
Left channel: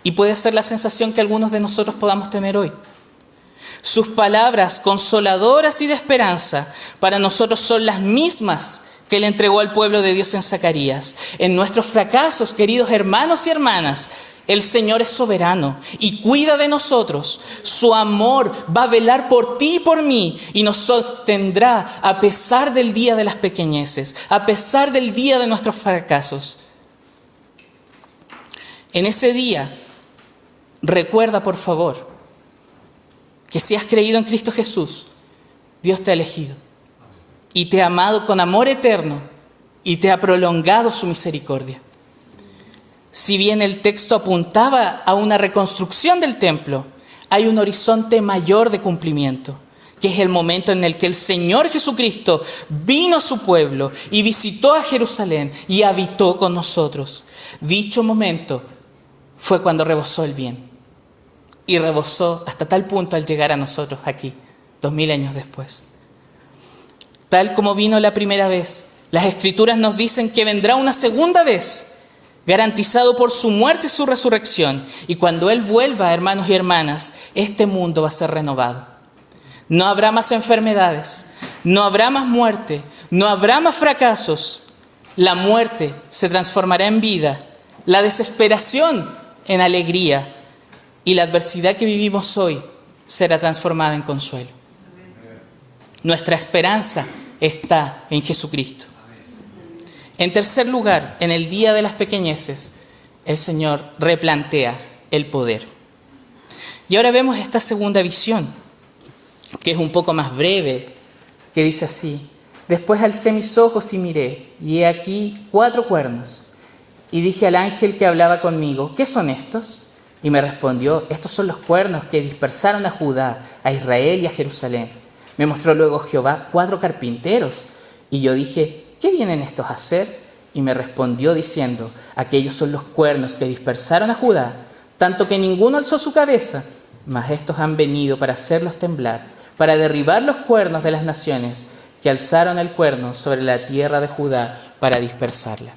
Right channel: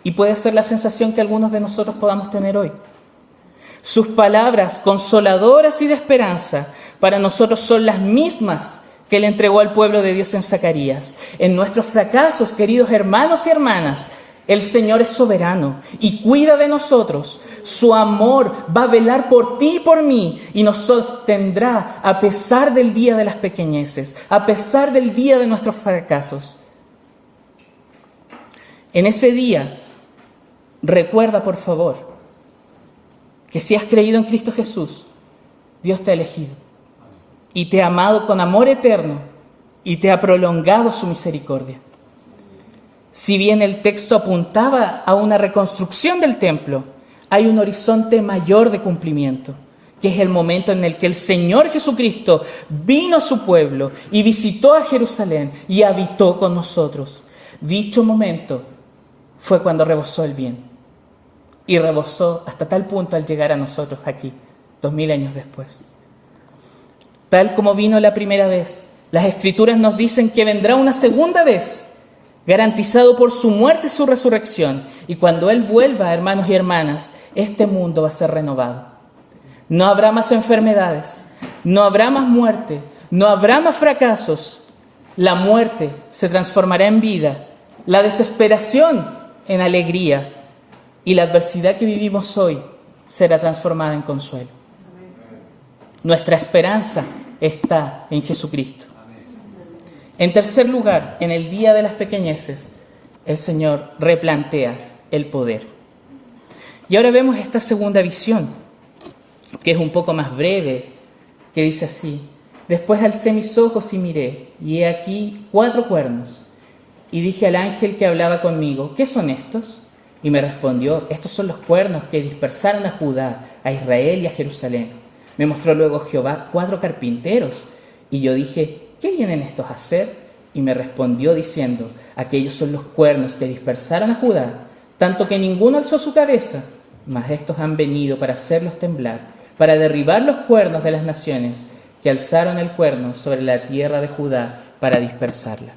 Y puede ser la sensación que algunos de nosotros podamos tener hoy. Sus palabras consoladoras y de esperanza para nosotros son las mismas que le entregó al pueblo de Dios en Zacarías. En nuestros fracasos, queridos hermanos y hermanas, el Señor es soberano y cuida de nosotros. Su amor va a velar por ti y por mí y nos sostendrá a pesar del día de las pequeñeces, a pesar del día de nuestros fracasos. En ese día, recuerda por favor que si has creído en Cristo Jesús, Dios te ha elegido y te ha amado con amor eterno y te ha prolongado su misericordia. Si bien el texto apuntaba a una reconstrucción del templo, hay un horizonte mayor de cumplimiento, que es el momento en el que el Señor Jesucristo vino a su pueblo y visitó a Jerusalén y habitó con nosotros. Dicho momento fue cuando rebosó el bien. Y rebosó hasta tal punto al llegar a nosotros aquí, 2000 años después. Tal como vino la primera vez, las Escrituras nos dicen que vendrá una segunda vez, garantizado por su muerte y su resurrección. Y cuando Él vuelva, hermanos y hermanas, este mundo va a ser renovado. No habrá más enfermedades, no habrá más muerte, no habrá más fracasos. La muerte se transformará en vida, la desesperación en alegría y la adversidad que vivimos hoy será transformada en consuelo. Nuestra esperanza está en Jesucristo. En tercer lugar, en el día de las pequeñeces, el Señor replantea el poder. Y ahora vemos esta segunda visión, que es un poco más breve, que dice así: después alcé mis ojos y miré, y he aquí 4 cuernos. Y dije al ángel que hablaba conmigo: ¿qué son estos? Y me respondió: estos son los cuernos que dispersaron a Judá, a Israel y a Jerusalén. Me mostró luego Jehová 4 carpinteros, y yo dije, ¿qué vienen estos a hacer? Y me respondió diciendo, aquellos son los cuernos que dispersaron a Judá, tanto que ninguno alzó su cabeza, mas estos han venido para hacerlos temblar, para derribar los cuernos de las naciones que alzaron el cuerno sobre la tierra de Judá para dispersarla.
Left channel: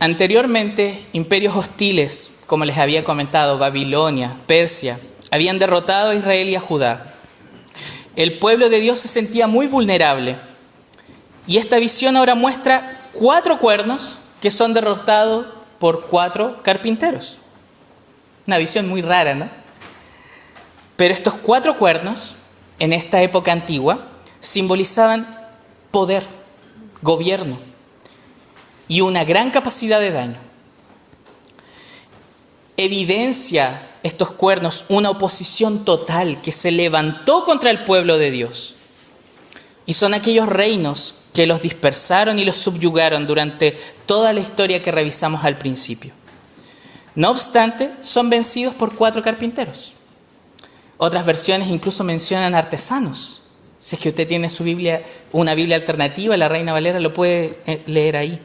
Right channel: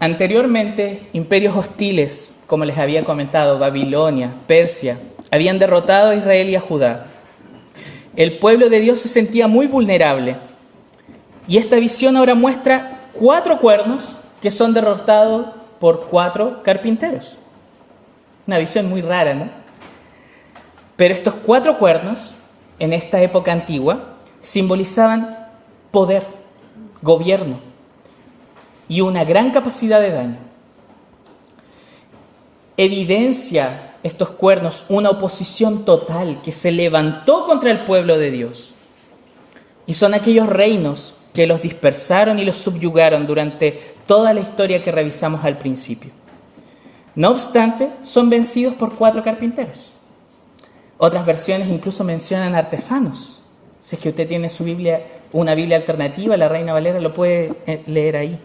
Anteriormente, imperios hostiles, como les había comentado, Babilonia, Persia, habían derrotado a Israel y a Judá. El pueblo de Dios se sentía muy vulnerable. Y esta visión ahora muestra 4 cuernos que son derrotados por 4 carpinteros. Una visión muy rara, ¿no? Pero estos 4 cuernos, en esta época antigua, simbolizaban poder, gobierno y una gran capacidad de daño. Evidencia estos cuernos una oposición total que se levantó contra el pueblo de Dios. Y son aquellos reinos que los dispersaron y los subyugaron durante toda la historia que revisamos al principio. No obstante, son vencidos por 4 carpinteros. Otras versiones incluso mencionan artesanos. Si es que usted tiene su Biblia, una Biblia alternativa, la Reina Valera, lo puede leer ahí.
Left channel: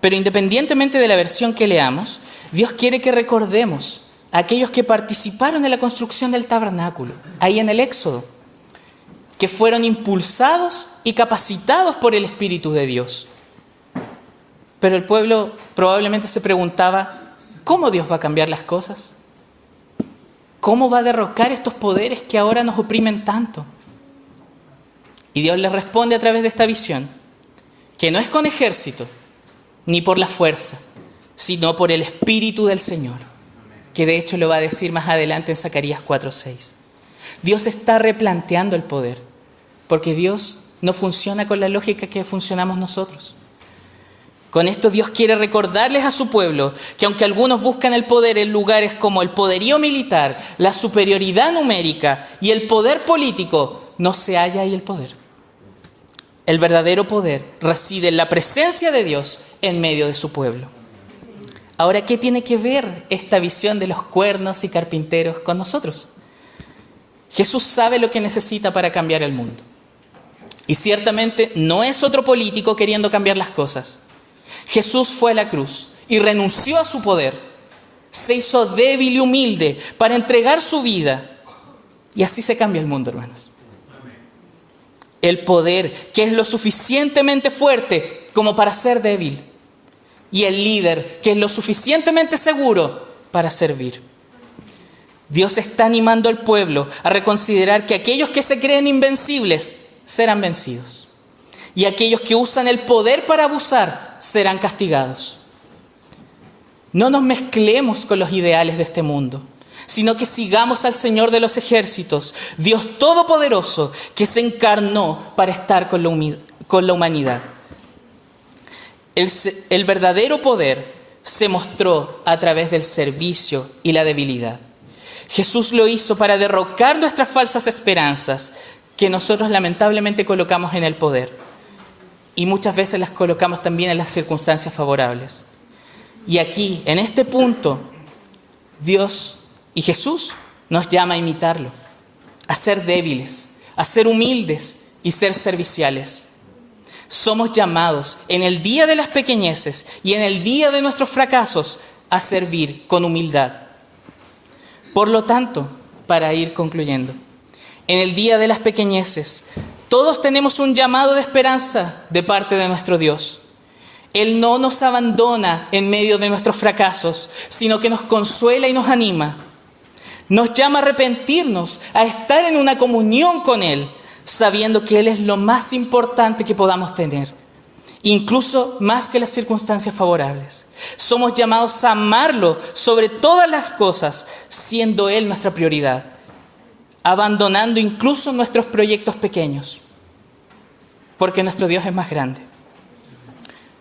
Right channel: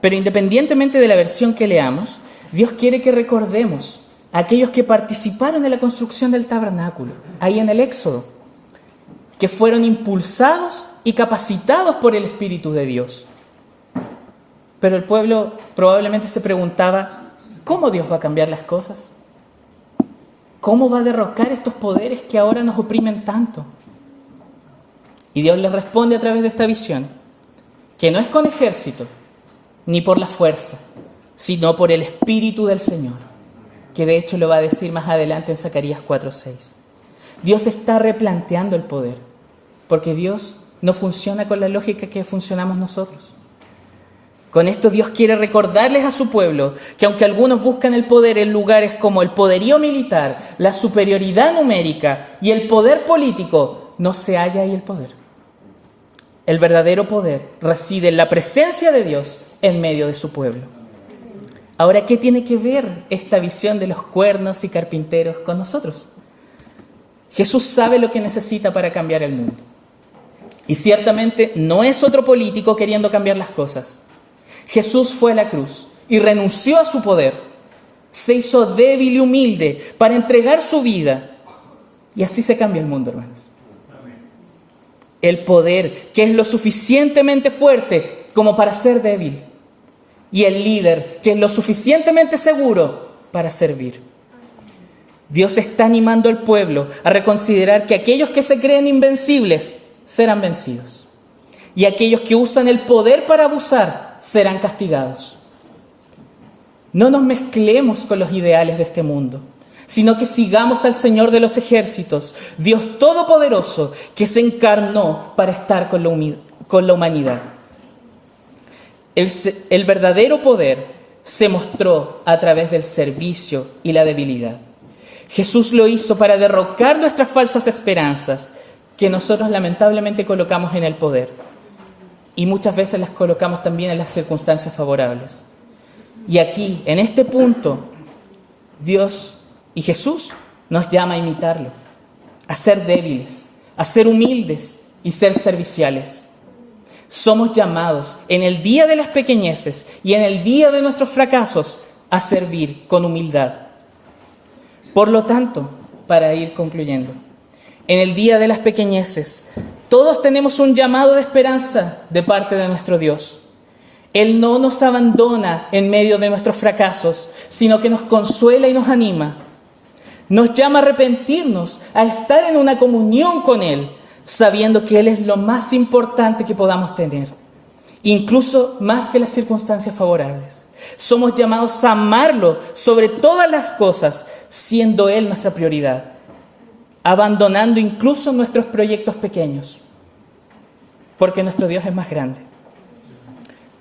Pero independientemente de la versión que leamos, Dios quiere que recordemos a aquellos que participaron en la construcción del tabernáculo, ahí en el Éxodo, que fueron impulsados y capacitados por el Espíritu de Dios. Pero el pueblo probablemente se preguntaba, ¿cómo Dios va a cambiar las cosas? ¿Cómo va a derrocar estos poderes que ahora nos oprimen tanto? Y Dios les responde a través de esta visión, que no es con ejército, ni por la fuerza, sino por el Espíritu del Señor, que de hecho lo va a decir más adelante en Zacarías 4:6. Dios está replanteando el poder, porque Dios no funciona con la lógica que funcionamos nosotros. Con esto Dios quiere recordarles a su pueblo que aunque algunos buscan el poder en lugares como el poderío militar, la superioridad numérica y el poder político, no se halla ahí el poder. El verdadero poder reside en la presencia de Dios en medio de su pueblo. Ahora, ¿qué tiene que ver esta visión de los cuernos y carpinteros con nosotros? Jesús sabe lo que necesita para cambiar el mundo. Y ciertamente no es otro político queriendo cambiar las cosas. Jesús fue a la cruz y renunció a su poder. Se hizo débil y humilde para entregar su vida. Y así se cambia el mundo, hermanos. El poder que es lo suficientemente fuerte como para ser débil. Y el líder que es lo suficientemente seguro para servir. Dios está animando al pueblo a reconsiderar que aquellos que se creen invencibles serán vencidos. Y aquellos que usan el poder para abusar serán castigados. No nos mezclemos con los ideales de este mundo, sino que sigamos al Señor de los ejércitos, Dios Todopoderoso, que se encarnó para estar con la humanidad. El verdadero poder se mostró a través del servicio y la debilidad. Jesús lo hizo para derrocar nuestras falsas esperanzas, que nosotros lamentablemente colocamos en el poder. Y muchas veces las colocamos también en las circunstancias favorables. Y aquí, en este punto, Dios y Jesús nos llama a imitarlo, a ser débiles, a ser humildes y ser serviciales. Somos llamados en el día de las pequeñeces y en el día de nuestros fracasos a servir con humildad. Por lo tanto, para ir concluyendo, en el día de las pequeñeces, todos tenemos un llamado de esperanza de parte de nuestro Dios. Él no nos abandona en medio de nuestros fracasos, sino que nos consuela y nos anima. Nos llama a arrepentirnos, a estar en una comunión con Él, sabiendo que Él es lo más importante que podamos tener, incluso más que las circunstancias favorables. Somos llamados a amarlo sobre todas las cosas, siendo Él nuestra prioridad, abandonando incluso nuestros proyectos pequeños, porque nuestro Dios es más grande.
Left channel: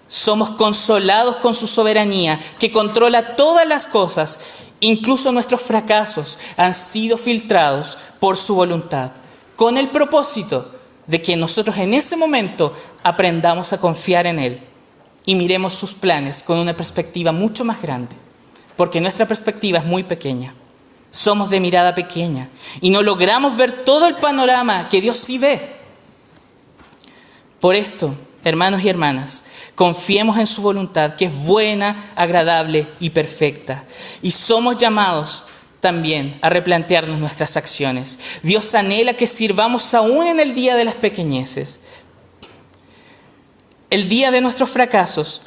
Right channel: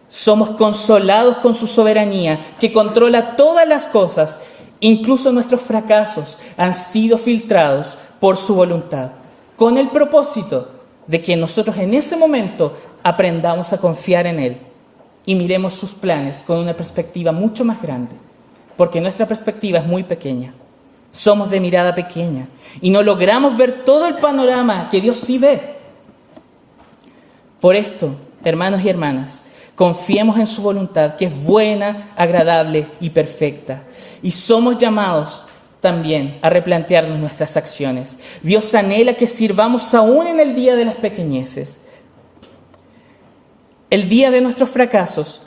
Somos consolados con su soberanía, que controla todas las cosas, incluso nuestros fracasos han sido filtrados por su voluntad, con el propósito de que nosotros en ese momento aprendamos a confiar en Él y miremos sus planes con una perspectiva mucho más grande, porque nuestra perspectiva es muy pequeña. Somos de mirada pequeña y no logramos ver todo el panorama que Dios sí ve. Por esto, hermanos y hermanas, confiemos en su voluntad, que es buena, agradable y perfecta. Y somos llamados también a replantearnos nuestras acciones. Dios anhela que sirvamos aún en el día de las pequeñeces. El día de nuestros fracasos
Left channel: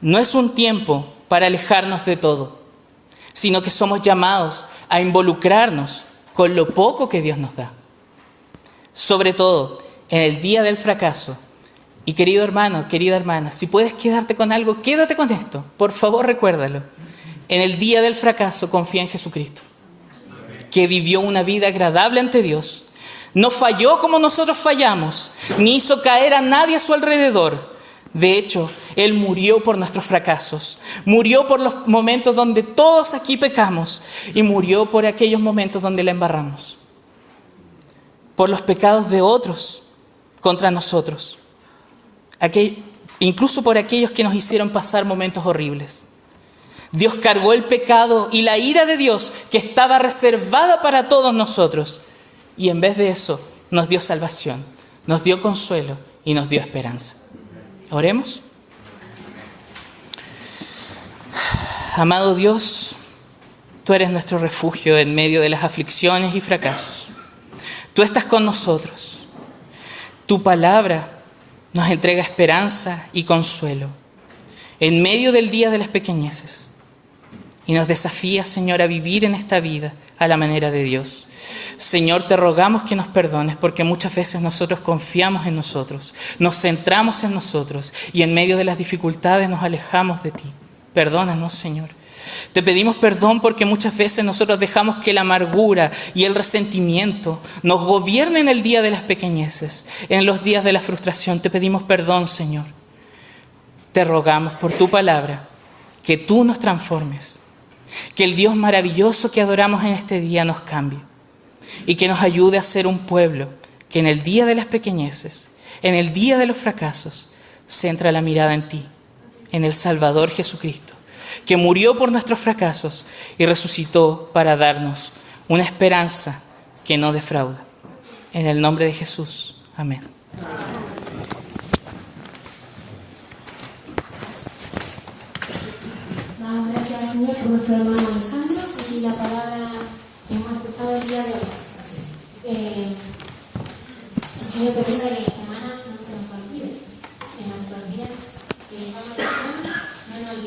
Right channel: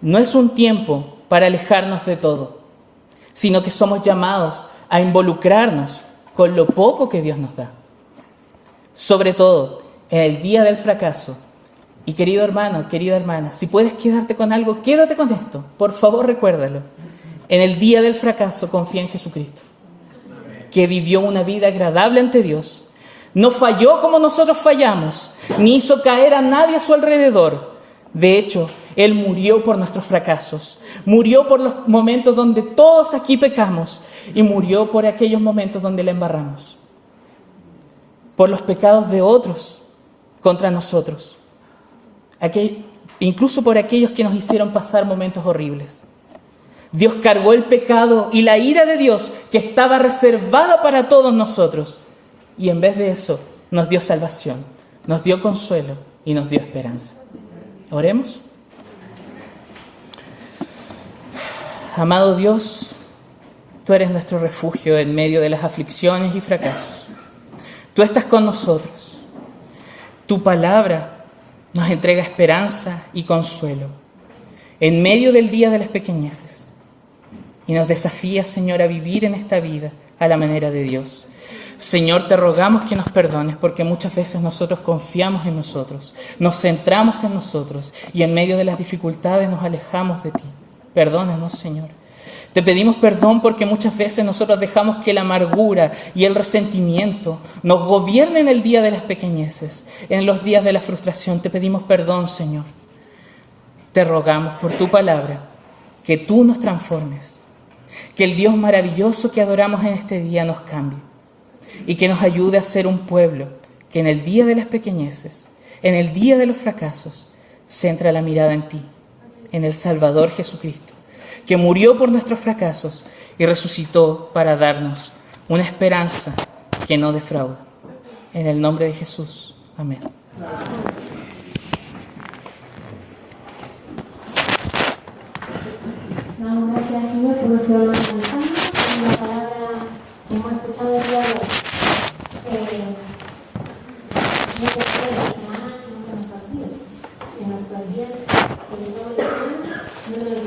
no es un tiempo para alejarnos de todo, sino que somos llamados a involucrarnos con lo poco que Dios nos da. Sobre todo en el día del fracaso. Y querido hermano, querida hermana, si puedes quedarte con algo, quédate con esto. Por favor, recuérdalo. En el día del fracaso, confía en Jesucristo, que vivió una vida agradable ante Dios. No falló como nosotros fallamos, ni hizo caer a nadie a su alrededor. De hecho, Él murió por nuestros fracasos, murió por los momentos donde todos aquí pecamos y murió por aquellos momentos donde la embarramos, por los pecados de otros contra nosotros, incluso por aquellos que nos hicieron pasar momentos horribles. Dios cargó el pecado y la ira de Dios que estaba reservada para todos nosotros, y en vez de eso nos dio salvación, nos dio consuelo y nos dio esperanza. Oremos. Amado Dios, tú eres nuestro refugio en medio de las aflicciones y fracasos. Tú estás con nosotros. Tu palabra nos entrega esperanza y consuelo en medio del día de las pequeñeces. Y nos desafía, Señor, a vivir en esta vida a la manera de Dios. Señor, te rogamos que nos perdones porque muchas veces nosotros confiamos en nosotros, nos centramos en nosotros y en medio de las dificultades nos alejamos de ti. Perdónanos, Señor. Te pedimos perdón porque muchas veces nosotros dejamos que la amargura y el resentimiento nos gobiernen el día de las pequeñeces, en los días de la frustración. Te pedimos perdón, Señor. Te rogamos por tu palabra que tú nos transformes, que el Dios maravilloso que adoramos en este día nos cambie y que nos ayude a ser un pueblo que en el día de las pequeñeces, en el día de los fracasos, centra la mirada en ti, en el Salvador Jesucristo, que murió por nuestros fracasos y resucitó para darnos una esperanza que no defrauda. En el nombre de Jesús. Amén.